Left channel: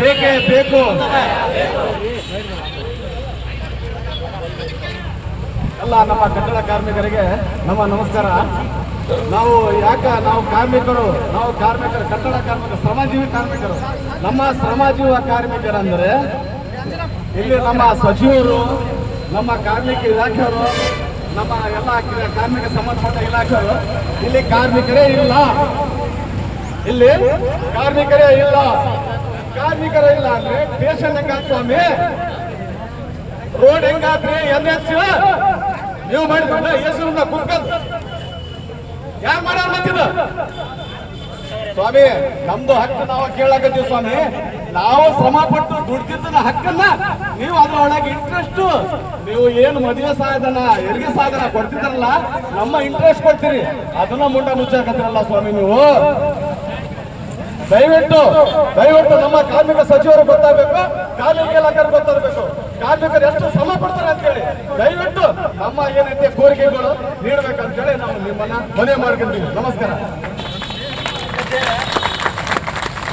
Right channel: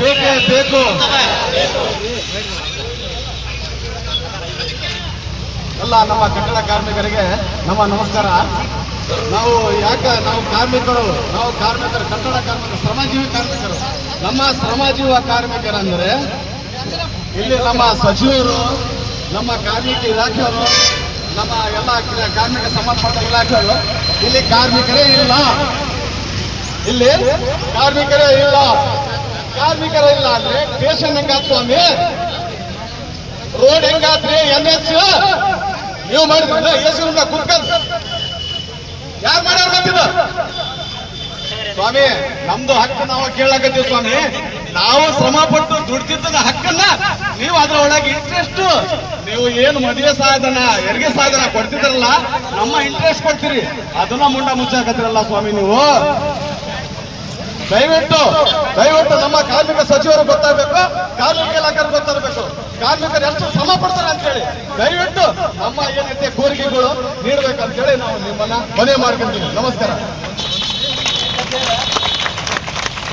ಬೇಕೇ ಬೇಕು. ಎಲ್ಲ ನಮ್ಮ ಕಟ್ಟಡ ಕಾರ್ಮಿಕರಿಗೆ ನಮ್ಮ ನಮಸ್ಕಾರ. ನಾವು ಕಾರ್ಮಿಕರು, ಕಟ್ಟಡ ಕಾರ್ಮಿಕರು, ಶ್ರಮಜೀವಿ ಕಾರ್ಮಿಕರು. ನಮ್ಮ ಶ್ರಮಜೀವ ಕಾರ್ಮಿಕರಂದ್ರೆ ಇಲ್ಲಿ ನಮ್ಮ ಸಚಿವರು, ನಮ್ಮ ಕಾರ್ಮಿಕ ಇಲಾಖೆಯವರು, ನಮ್ಮ ಎಲ್ಲ ಕಾರ್ಮಿಕ ಸಂಬಂಧಪಟ್ಟ ಇಲಾಖೆಯವರು ಇಲ್ಲಿ ಕಾರ್ಮಿಕರೇ ಇಲ್ಲ. ಇಲ್ಲಿ ಕಾರ್ಮಿಕರೇ ಇಲ್ಲ. ಕಾರ್ಮಿಕರೇ ಇಲ್ಲ ಅಂದ್ರೆ ಸ್ಟೇಷನ್ ಹೆಂಗಾತ್ ಸ್ವಾಮಿ, ರೋಡ್ ಹೆಂಗಾತ್ರಿ, NH ನೀವು ಮಾಡಿದ್ರಲ್ಲ, AC ಉಂಡ ಕುತ್ಕಲ್ ಯಾರು ಮಾಡ್ಯಾರ ಮತ್ತಿದ ಸ್ವಾಮಿ? ನಮ್ದು ಹಕ್ಕು ನಾವು ಕೇಳಾಕತ್ತೀವಿ ಸ್ವಾಮಿ. ನಾವು ಶ್ರಮ ಪಟ್ಟು ದುಡ್ದಿದ್ದ ಹಕ್ಕನ್ನ ನೀವು ಅದ್ರ ಒಳಗೆ ಇಂಟ್ರೆಸ್ಟ್, ನೀವು ಏನು ಮದುವೆ ಸಾಧನ, ಹೆರಿಗೆ ಸಾಧನ ಕೊಡ್ತಿದ್ರಲ್ಲ, ನಮ್ಮ ಇಂಟ್ರೆಸ್ಟ್ ಕೊಡ್ತೀರಿ, ಅದನ್ನ ಮುಂಡ ಮುಚ್ಚಾಕತ್ತಿರಲ್ಲ ಸ್ವಾಮಿ ನೀವು. ದಯವಿಟ್ಟು ನಮ್ಮ ಕಾರ್ಮಿಕ ಸಚಿವರು ಗೊತ್ತಾಗಬೇಕು, ಕಾರ್ಮಿಕ ಇಲಾಖೆ ಗೊತ್ತಾಗಬೇಕು, ಕಾರ್ಮಿಕರು ಎಷ್ಟು ಶ್ರಮ ಪಡ್ತಾರೆ ಅಂತ ಹೇಳಿ ದಯವಿಟ್ಟು ನಮ್ಮ ಏನೈತೆ ಕೋರಿಕೆಗಳು ನೀಡಬೇಕಂತೇಳಿ ನಾವು ನಿಮ್ಮನ್ನ ಮನವಿ ಮಾಡ್ಕೊಂತೀವಿ. ನಮಸ್ಕಾರ.